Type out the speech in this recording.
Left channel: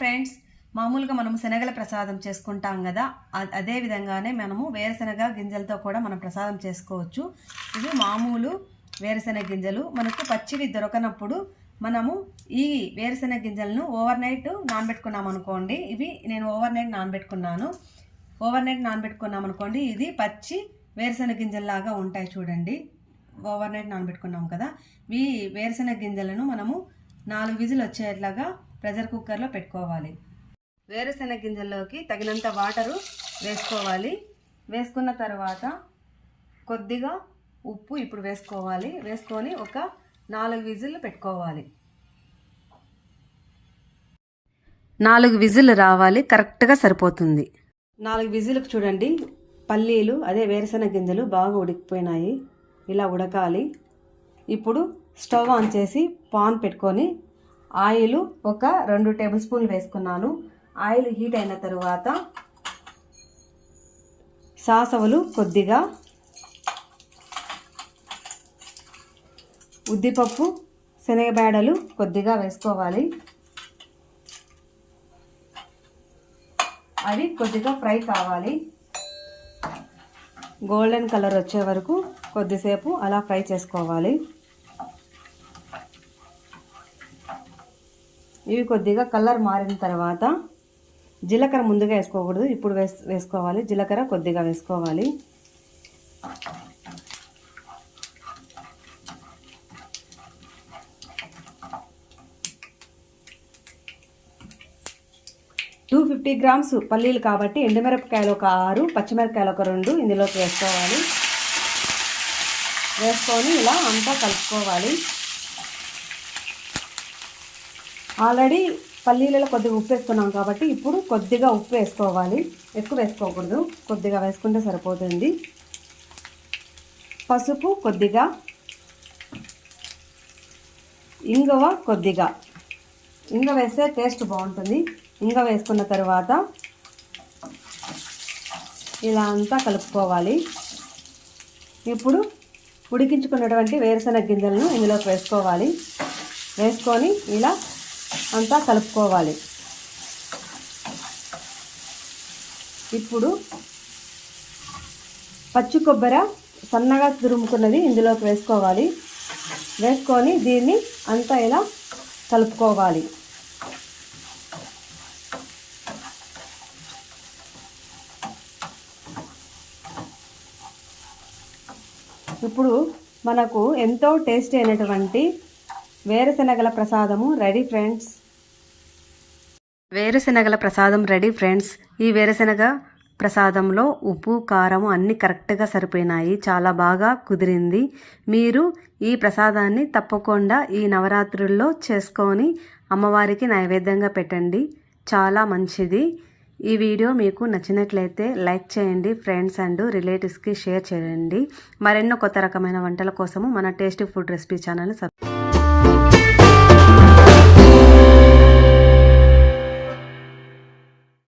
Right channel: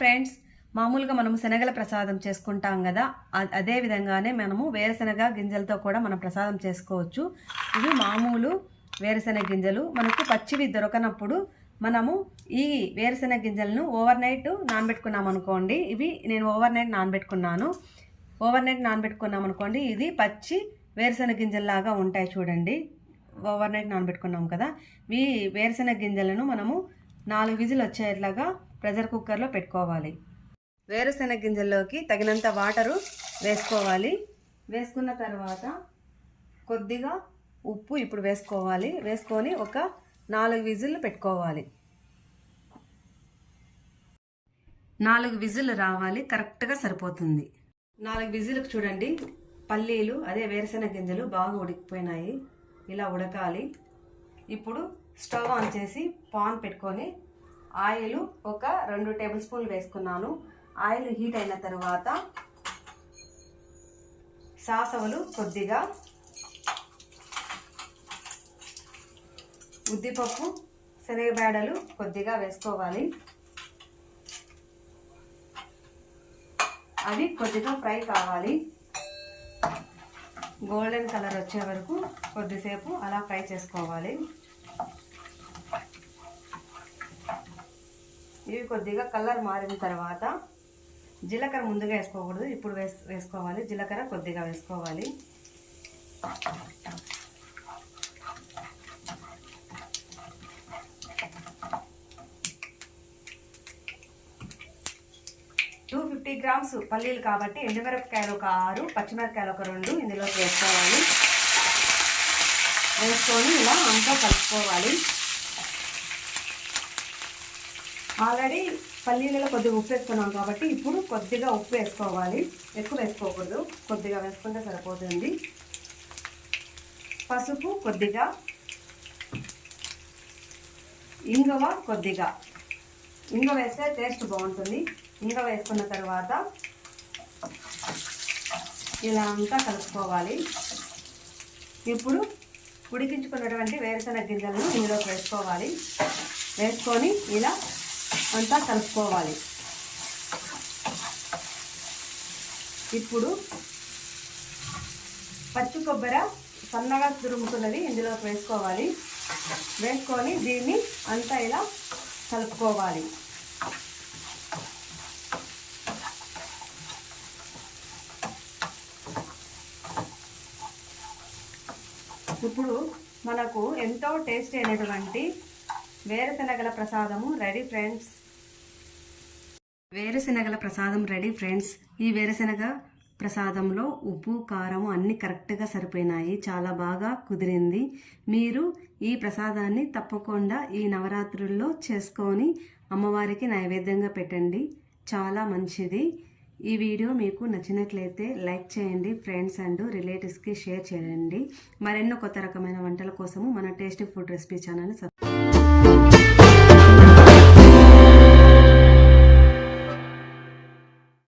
Friends మామూలుగా మనం శనగల ప్రసాదం చేసుకుంటాం కదా అదే విధంగానే మనము వేరుశనగ గింజలతో కూడా మనం ప్రసాదం చేసుకోవచ్చు. ఇవి మామూలు వేరుశనగ గింజలు. మనకు పచ్చివి దొరకనప్పుడు మనము ఈ వేరుశనగ గింజలను ఓవర్ నైట్ నానబెట్టుకున్నాం అనుకోండి ఇవి నేను ఓవర్ నైట్ నానబెట్టుకున్నాను. ఓవర్ నైట్ నానబెట్టుకున్నాం అనుకోండి ఇది పచ్చి వేరుశనగ గింజల్లాగా ఉంటాయి చూడండి. ఓవర్ నైట్ నానబెట్టుకున్నాం కదా ఈ వేరుశనగ గింజలను మనము నాలుగు విజిల్ వచ్చేట్లాగా ప్రెషర్ కుక్కర్లో పెట్టుకోవాలి. వేరుశెనగ గింజల్లోకి తగినంత వాటరు వేసుకోవాలి. వేసుకున్న తర్వాత కొద్దిగా ఉప్పు ఇప్పుడు వేసుకోవాలి. వేసుకొని ఒక నాలుగు విజిల్లు పెట్టుకోవాలి. నాలుగు విజిల్లు రావాలి కరెక్ట్గా సరిపోతుంది. నాలుగు విజిల్కి చూడండి పల్లీలు అదే వేరుశెనగ గింజలు బాగా ఉడికిపోయినాయి. ఇలా ఉడకాలి. ఇప్పుడు స్టవ్ ఆన్ చేసి పాన్ పెట్టుకొని ఆయిల్ ఒక రెండు టేబుల్ స్పూన్లు వేసుకున్నాను. ఆయిల్ హీట్ అయిన తర్వాత సాసవులు కొద్దిగా ఉద్దిపప్పు శనగబేడలు కొద్దిగా వేసుకోవాలి. అవి కొద్దిగా ఫ్రై కావాలి. గోల్డెన్ కలర్ వచ్చే వరకు కొద్దిసేపు అలా ఫ్రై చేసుకోవాలి. ఇవి కొద్దిగా కలర్ మారిన తర్వాత జీలకర్ర ముందుగా వేసుకోకూడదు. ఇప్పుడు వేస్ వేసుకోవాలి. జీలకర్ర కొద్దిగా వేసుకోవాలి. టూ ఫిఫ్టీ గ్రామ్స్ పల్లీలు కాబట్టి ఎండుమిరపకాయలు ఒక ఆరు పచ్చిమిరపకాయలు ఒక రెండు ఇందులోకి వేసుకోవాలి. వేసుకొని ఇలా అంతా కలుపుకోవాలి. ఆల్రెడీ పల్లీలలో కొద్దిగా ఉప్పు వేసుకున్నాం కాబట్టి ఇప్పుడు కొద్దిగా ఉప్పు వేసుకోవాలి. ఎక్కువ వేసుకోకూడదు. కొద్దిగా వేసుకుంటే సరిపోతుంది. పసుపు కొద్దిగా. ఇంగవ కొద్దిగా. ఇంగ వేస్తే టేస్ట్ బాగుంటుంది. ఇంగ వేసుకున్న తర్వాత ఇలా అంతా కలుపుకోవాలి. ఇప్పుడు ఉడికించుకున్నటువంటి వేరుశనగ గింజలను ఇందులోకి వేసుకోవాలి. వేసుకొని ఇలా అంతా కలుపుకోవాలి. ఇప్పుడు పచ్చి కొబ్బరి సన్నగా తురుముకున్నది ఇందులోకి వేసుకోవాలి. వేసుకొని దీన్ని అంతా ఇలా కలుపుకోవాలి. ఇప్పుడు మనకు ఎంతో టేస్టీ అయినటువంటి వేరుశనగల ప్రసాదము రెడీ ఫ్రెండ్స్. వేరుశనగల ప్రసాదం రెడీ ఫ్రెండ్స్. ఈ వేరుశనగ ప్రసాదంలో ఉప్పు కారం అన్నీ కరెక్ట్గా సరిపోయినాయి. చాలా బాగా కుదిరింది. మీరు ఈ ప్రసాదాన్ని తప్పకుండా ఈ నవరాత్రుల్లో చేసుకొని అమ్మవారికి నైవేద్యంగా పెట్టండి. చాలా మంచిది. ఈ వీడియో మీకు నచ్చినట్లయితే లైక్ చేయండి ఫ్రెండ్స్ అండ్ రిలేటివ్స్కి షేర్ చేయండి. మరెన్నో కొత్త రకమైన వంటల కోసము మన tasty food recipe channel subscribe